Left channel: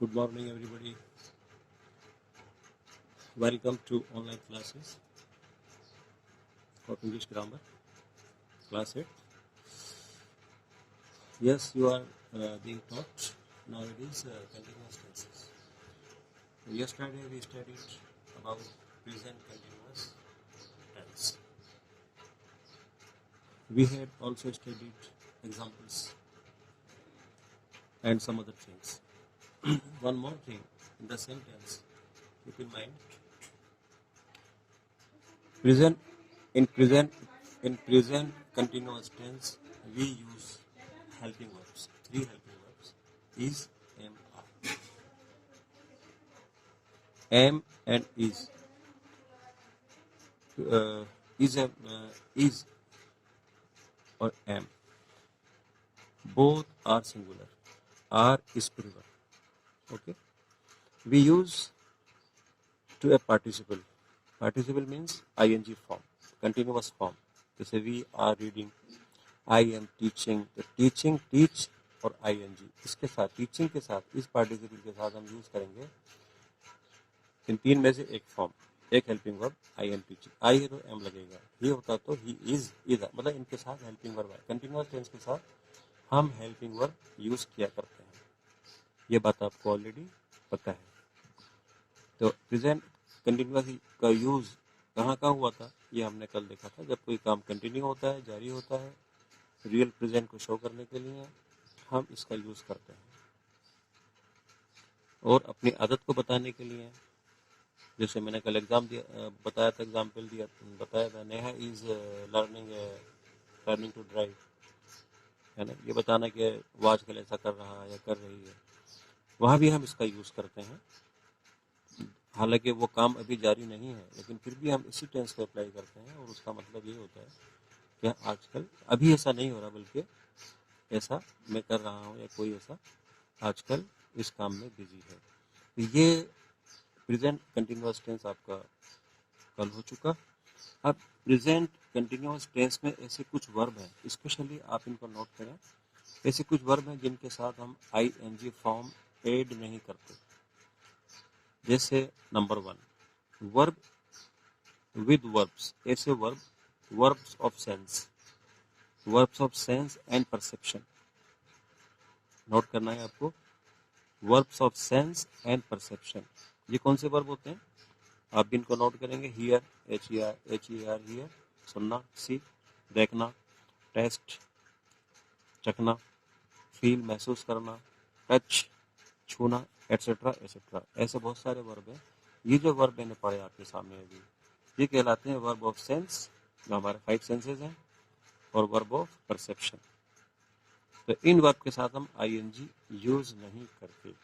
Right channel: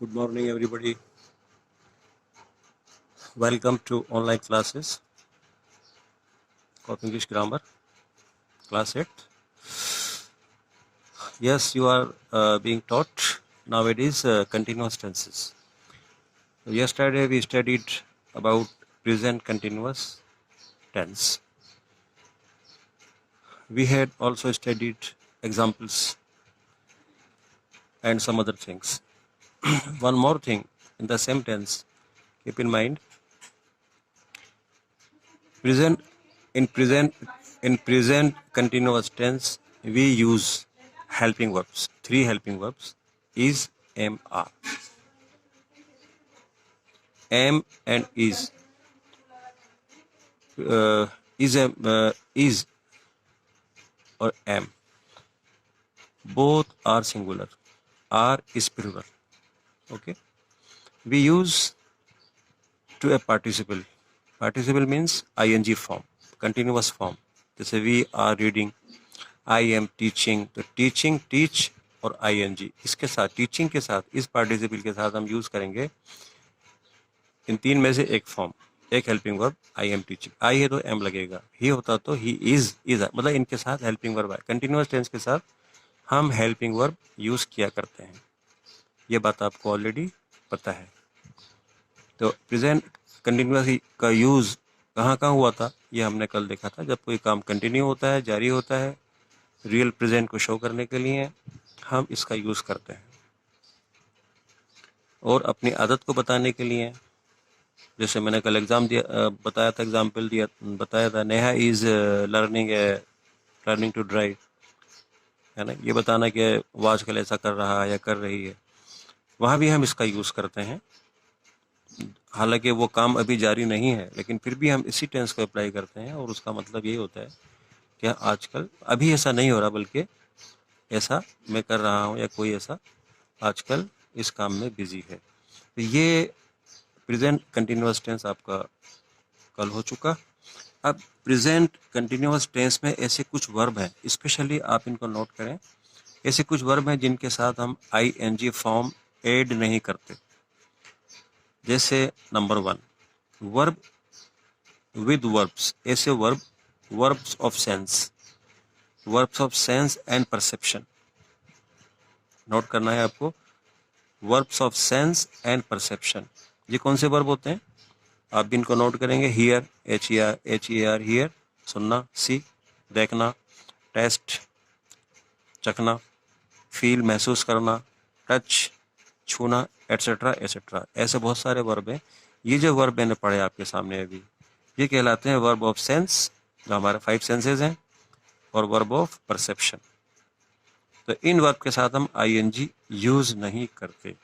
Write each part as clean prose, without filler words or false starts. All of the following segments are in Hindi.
Good morning, everybody. Welcome to online classes of English grammar, class 8. Yes, you are being taught nowadays continuous tenses. Yesterday we studied about present continuous tense. We had also studied examples and some other things. One more thing in the same tense, keep in mind. Present in present continuous tense we use helping verbs. 3 helping verbs is, am, are. Am and is is or am both are singular. Are is plural. Okay. We use to a participle. Participle means ing form, continuous form. जैसे we are reading, I am teaching. तो teaching, teach और ing इसके साथ, teaching के साथ, इस participle के साथ हम यूज करेंगे इन 3 में से एक फॉर्म, एक helping verb I am teaching. I है तो एम लगेगा, ही होता तो ही इज मतलब इनके साथ हेल्पिंग वर्ब है. कंटिन्यूअस टेंस के साथ हम हेल्पिंग वर्ब यूज किया करते हैं. ये बात आपको ऑलरेडी पता है. तो प्रेजेंट कंटिन्यूअस का यूज कहाँ कहाँ हुआ था ये हमने कल देखा था. जब कोई काम कंटिन्यू होता है, जारी होता है, रियल प्रेजेंट को शो करने के लिए हम इसका यूज करते हैं. और अपनी आदत को बताने के लिए, जैसे मैंने कल बताया था, एग्जाम्पल बताया था, Neha is learning to drive, है ना. ये बताना कि वो आजकल ऐसा कर रहा है या कर रही है, वहाँ भी हम इसका यूज़ करते हैं. हालांकि वो काम अभी जारी नहीं है, लेकिन फिर भी हम इसी टेंस को अप्लाई करते हैं. और उसका मतलब ये होता है कि आजकल अभी ऐसा नहीं हो रहा, बल्कि ऐसा मैं कर रहा हूँ, या कोई ऐसा आजकल इस काम में बिजी है. तो ये प्रेजेंट कंटिन्यूअस टेंस आपका कल हो चुका. अब प्रेजेंट कंटिन्यूअस टेंस में ऐसे कुछ वर्ब हैं, स्पेशली आप इनको नोट करें. ऐसे कुछ वर्ब हैं जिनके साथ हम ing फॉर्म ऐड नहीं करते. जैसे नंबर 1, वर्ब विद वर्ब्स. ऐसे verbs of sense and perception. Note करना है आपको, verbs of sense and perception. ये कौन से वर्ब होते हैं आप भी इनको नोट करेंगे. हियर, HER, हियर सुनना, सी देखना, टेस्ट चखना, फील महसूस करना, टच छूना, एटसेट्रा एटसेट्रा. ऐसे बहुत सारे वर्ब हैं. ये जो वर्ब मैंने पढ़े आपके सामने अभी, ये कहलाते हैं वर्ब ऑफ सेंस, जो हमारे 5 सेंसेज हैं, और वर्ब ऑफ परसेप्शन. तो इन वर्ब के साथ हम ing यूज नहीं करते.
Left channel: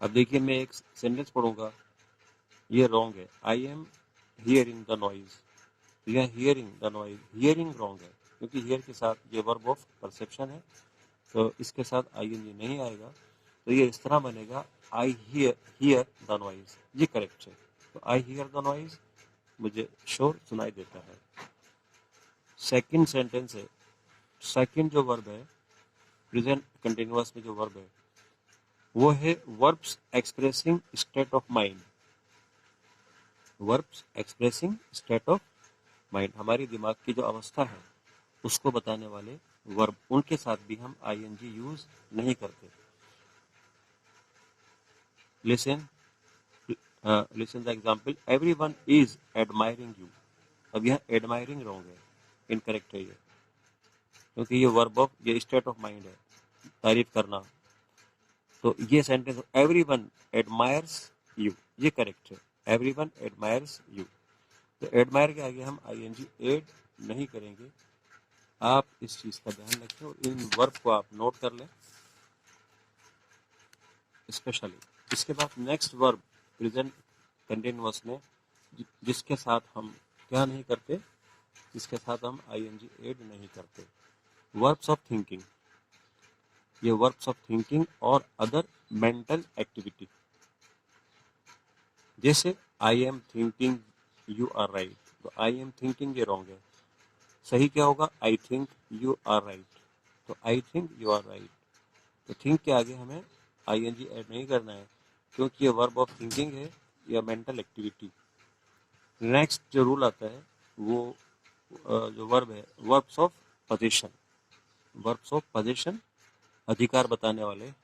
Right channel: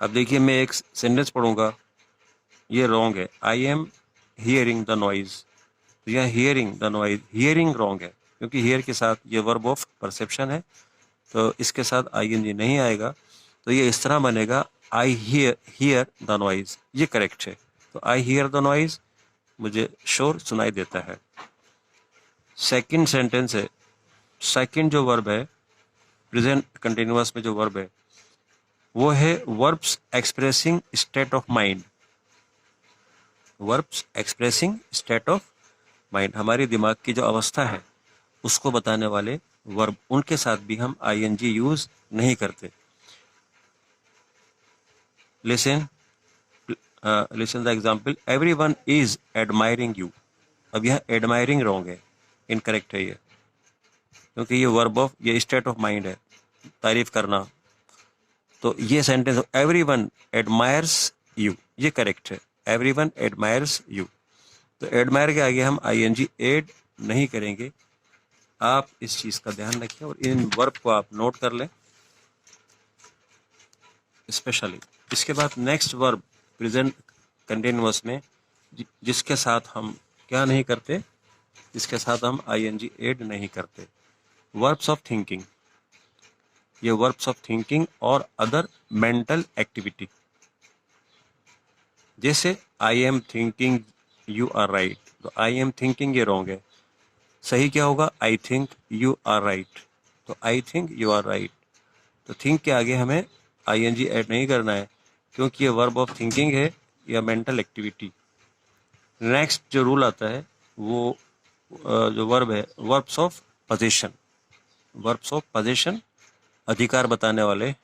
अब देखिए, मैं एक सेंटेंस पढ़ूंगा, ये रॉन्ग है. I am hearing the noise. तो यह hearing the noise, hearing wrong है, क्योंकि हियर के साथ ये वर्ब ऑफ परसेप्शन है, तो इसके साथ ing नहीं आएगा. तो ये इस तरह बनेगा, आई हियर द नॉइज. ये करेक्ट है. तो आई हियर द नॉइज, मुझे शोर सुनाई देता है. सेकंड सेंटेंस है, सेकंड जो वर्ब है प्रेजेंट कंटिन्यूअस में, जो वर्ब है वो है verbs expressing state of mind. Verbs expressing state of mind, हमारी दिमाग की जो अवस्था है उसको बताने वाले वर्ब, उनके साथ भी हम ing यूज नहीं करते. Listen the example, everyone is admiring you. अब यह एडमायरिंग रॉन्ग है, इनकरेक्ट है ये, क्योंकि ये वर्ब ऑफ, ये स्टेट ऑफ माइंड है, तारीफ करना. तो ये सेंटेंस, एवरीवन एडमायर्स यू, ये करेक्ट है. Everyone admires you. तो एडमायर के आगे हम ing ऐड नहीं करेंगे. आप इस चीज का ध्यान रखें और इन वर्ब को आप नोट कर लें स्पेशली. इसके बाद नेक्स्ट वर्ब प्रेजेंट कंटिन्यूअस में जिसके साथ हम क्या नहीं करते, जिसके साथ हम ing ऐड नहीं करते, वर्ब्स ऑफ थिंकिंग. ये वर्ब्स ऑफ थिंकिंग और अदर मेंटल एक्टिविटी. जैसे I am thinking you are right. तो आई एम थिंकिंग ये रॉन्ग है. सही क्या होगा, I think you are right. तो I think you are right. तो थिंक के आगे हमें आईएनजी ऐड नहीं करना है, क्योंकि ये वर्ब ऑफ थिंकिंग है या मेंटल एक्टिविटी। नेक्स्ट जो रूल आता है वो जो वर्ब है, verbs of position. Verbs of position अधिकार बताने वाले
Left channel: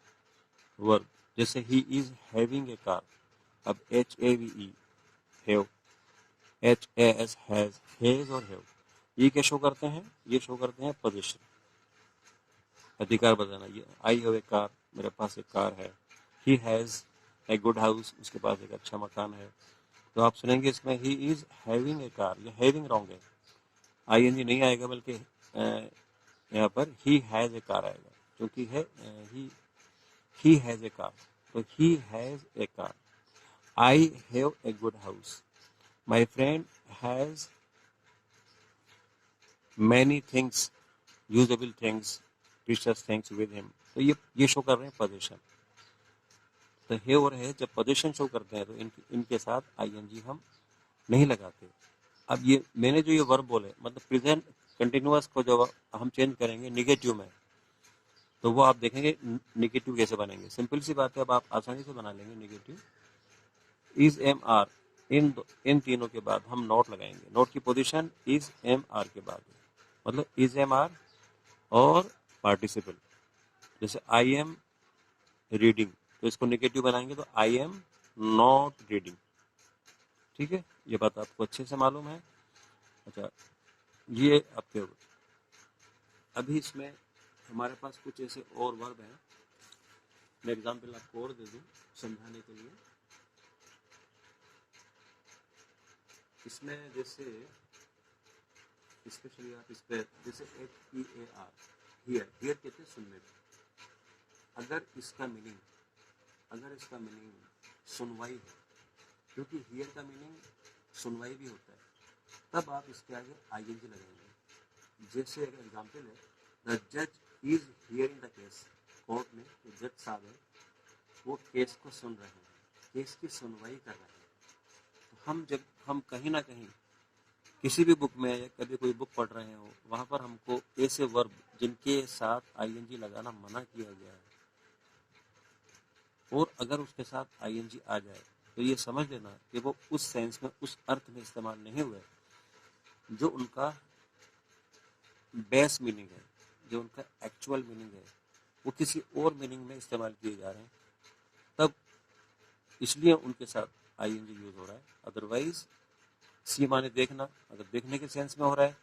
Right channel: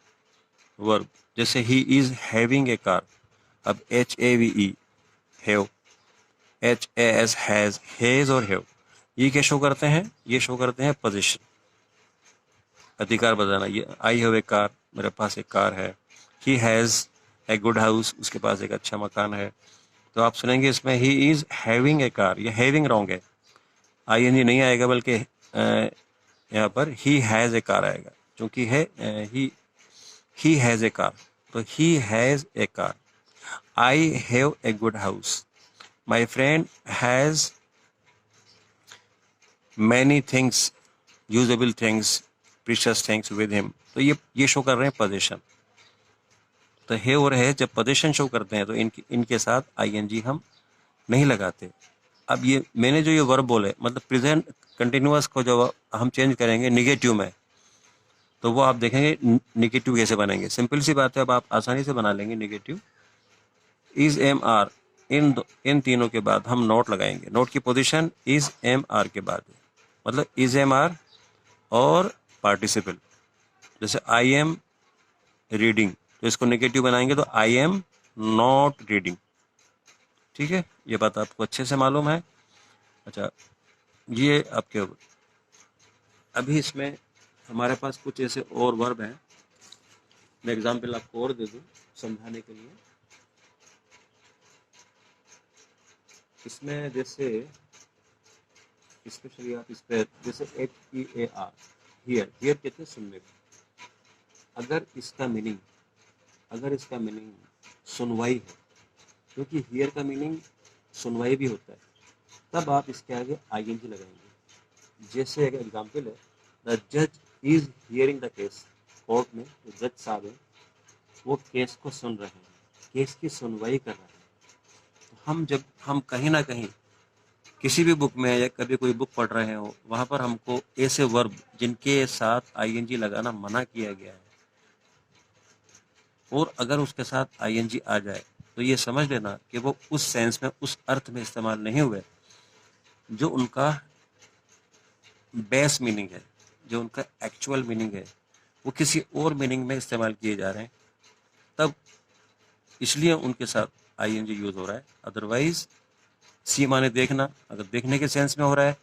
वर्ब, जैसे he is having a car. अब HAVE हैव, HAS हैज और हैव, ये क्या शो करते हैं? ये शो करते हैं पोजीशन, अधिकार बताना। ये आई हैव ए कार, मेरे पास एक कार है। He has a good house, उसके पास एक अच्छा मकान है। तो आप सुनेंगे इसमें he is having a car, ये हैविंग रॉन्ग है, आईएनजी नहीं आएगा, बल्कि यहाँ पर ही हैज़ ए कार आएगा, क्योंकि है ही हैज़ ए कार, तो he has a car. I have a good house, my friend has many things, usable things, precious things with him. तो ये शो कर रहे हैं पोजीशन। तो है और है जब पोजीशन शो करते हैं तो इनके साथ आईएनजी हम नहीं लगाते। अब ये मैंने जो ये वर्ब बोले, मतलब प्रेजेंट कंटिन्यूअस को जो हम चेंज करेंगे निगेटिव में, तो वो आप देखेंगे निगेटिव कैसे बनेंगे। सिंपल सी बात है, अब आप आसानी से बना लेंगे निगेटिव। इज एम आर, इन तीनों के बाद हम नोट लगाएंगे। नोट की पोजीशन इज एम आर के बाद, मतलब इज एम आर और पार्टिसिपल। जैसे आई एम रीडिंग, तो इसको नेगेटिव बनाएंगे तो आई एम नॉट रीडिंग। ठीक है, ये बात आपको अच्छे से मालूम है। अच्छा, ये आपके अभी इसमें हमारे पास कुछ ऐसे और वर्ब हैं, मैं एग्जाम्पल आपको और दे दूँ समझाने के लिए। इसमें जैसे स्पेशली आप इस पर जैसे HEAR, हियर, हियर कहते हैं सुनने को। अगर इसका मीनिंग सुनवाई है, क्योंकि हियर का मीनिंग सुनवाई भी होता है, तब आप इसके आगे आईएनजी लगाएंगे। जैसे एक एग्जाम्पल है, द जज is hearing the case. Court में जो जज साहब हैं वो केस को सुन रहे हैं, केस की सुनवाई कर रहे हैं। तो हम कहीं ना कहीं किसी भी बुक में या कभी कोई बुक पढ़ रहे हो, वहाँ पर हमको ऐसे वर्ब जिनके साथ आईएनजी लगाना मना किया गया है, और अगर उसके साथ आईएनजी आ जाए तो ये समझ लेना कि वो उस सेंस में, उस अर्थ में इस्तेमाल नहीं हुए जो उनका बेस मीनिंग है, जो उनका एक्चुअल मीनिंग है, वो किसी और मीनिंग में इस्तेमाल किए जा रहे हैं, तब इसलिए उनके साथ आईएनजी यूज हो रहा है। अदरवाइज सी माने देखना, अगर देखने के सेंस में हो रहा है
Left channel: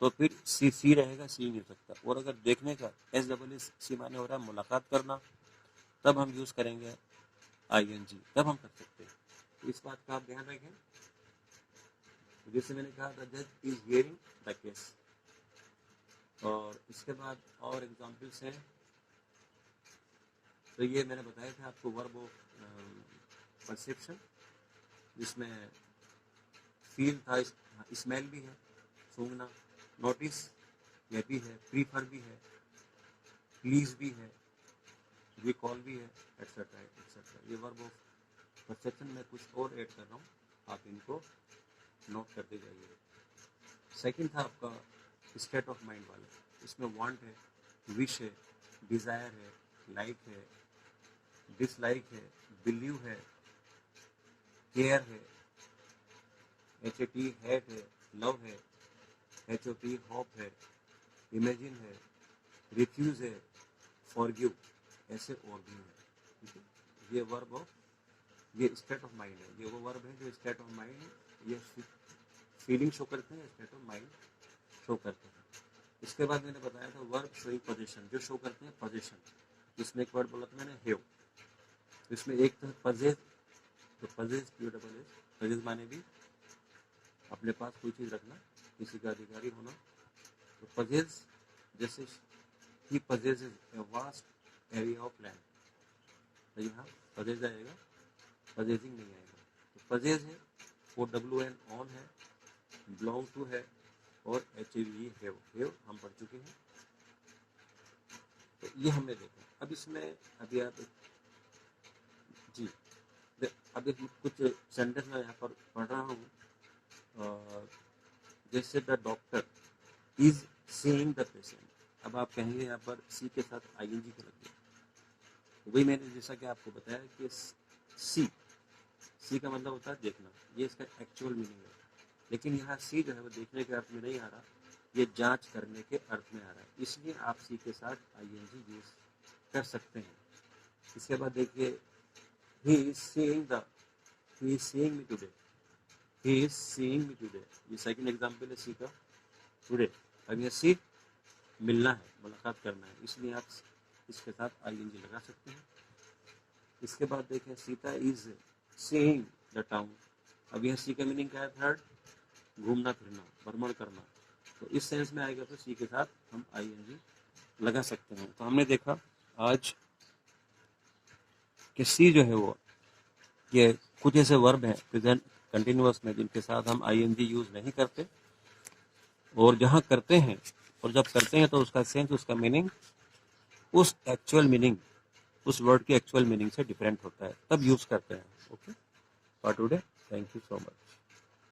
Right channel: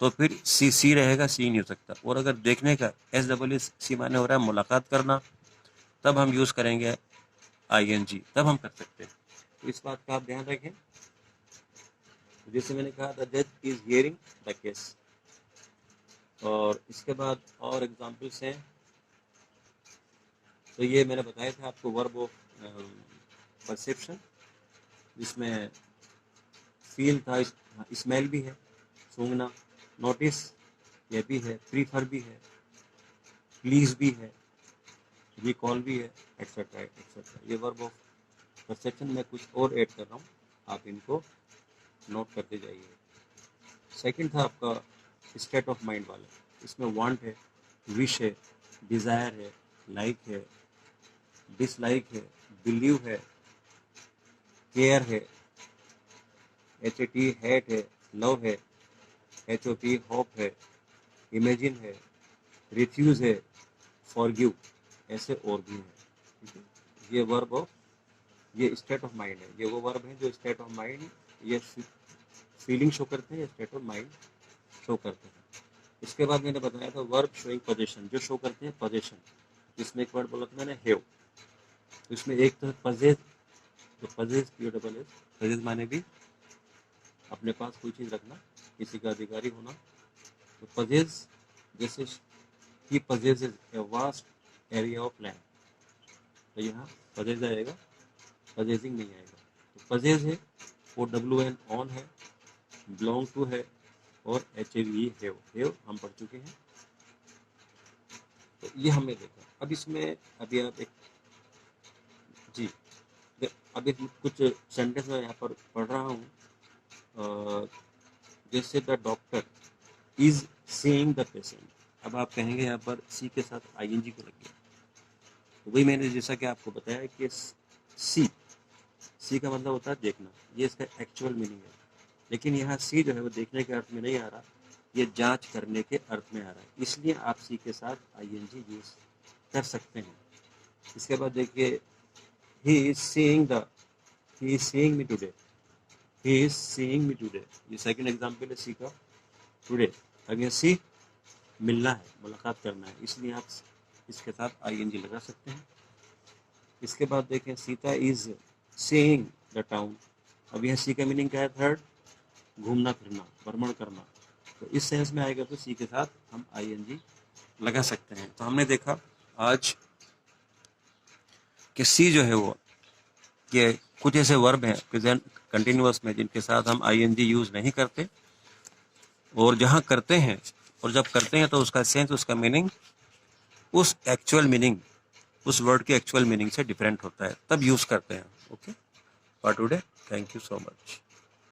तो फिर सी रहेगा, सी नहीं हो सकता। और अगर देखने का SEE माने हो रहा है मुलाकात करना, तब हम यूज करेंगे आईएनजी, तब हम कर सकते हैं। तो इस बात का आप ध्यान रखें। जैसे मैंने कहा द जज इज हियरिंग द केस, और इसके बाद और एग्जाम्पल्स हैं। तो ये मैंने बताया था आपको वर्ब ऑफ परसेप्शन, जिसमें फील था, स्मेल भी है, सूंघना, नोटिस ये भी है, प्रीफर भी है, प्लीज भी है, रिकॉल भी है, एक्सेट्रा एक्सेट्रा। ये वर्ब ऑफ परसेप्शन में कुछ और ऐड कर रहा हूँ, आप इनको नोट करते जाइए। सेकंड था आपका स्टेट ऑफ माइंड वाला, इसमें वांट है, विश है, डिज़ायर है, लाइक है, डिसलाइक है, बिलीव है, केयर है, HAT हैट है, लव है, HOP होप है, इमेजिन है, रिफ्यूज है, फॉरगिव, ऐसे और भी है। ठीक है, ये वर्ब ऑफ, ये स्टेट ऑफ माइंड है। ये वो वर्ब है जो स्टेट ऑफ माइंड, ये फीलिंग शो करते हैं, स्टेट ऑफ माइंड शो करते हैं। इसके बाद मैंने बताया था वर्ब शोइंग पोजीशन, जो शो करते हैं पोजीशन। जिसमें एक वर्ड बोला था मैंने हैव, तो इसमें एक तो पजेज, पजेज माने भी अपने पास कोई चीज़ रखना, किसी का अधिकारी होना। तो पजेज, जैसे ही possesses a vast area of land, तो यहाँ पजेज आएगा, पजेजिंग नहीं आएगा। तो पजेज है वो WN ऑन है, बिलोंग टू है, और HAVE हैव हम पढ़ चुके हैं। तो ये हमने देखा। अब इसमें अभी आप एक जी अभी कुछ सेंटेंस मैं यहाँ पर पढ़ रहा हूँ। जैसे the doctor is seeing the patient, अब आप कहेंगे यहाँ पर सी के साथ ING को लग गया, तो वही मैंने जैसा कि आपको बताया कि सी का मतलब होता है देखना, ये इसका एक्चुअल मीनिंग है। लेकिन यहाँ सी जो है वो देखने के अर्थ में नहीं आ रहा, ये जांच करने के अर्थ में आ रहा है, इसलिए आप सी के साथ आईएनजी यूज कर सकते हैं। इसके बाद देखिए, he is seeing me today, he is seeing me today, ये सेकंड एग्जांपल है सी का, टुडे। अब ये सी मिलना है, मुलाकात करना है, इसलिए आप इसके साथ आईएनजी लगा सकते हैं। इसके बाद देखें, Sita is seeing the town. अब यह सी का मीनिंग क्या है? थर्ड, घूमना फिरना, भ्रमण करना। तो इस सेंस में आएगा तो सी के साथ हम आईएनजी लगा सकते हैं। तो हमने देखा आज कि सी जो है वो, ये कुछ ऐसे वर्ब हैं प्रेजेंट कंटिन्यूअस में जिनके साथ हम आईएनजी यूज नहीं करते, और जहाँ करते हैं और जब करते हैं तो उसका सेंस, उसका मीनिंग उस एक्चुअल मीनिंग, उस वर्ड के एक्चुअल मीनिंग से डिफरेंट होता है, तब यूज करते हैं। Okay, for today, thank you so much.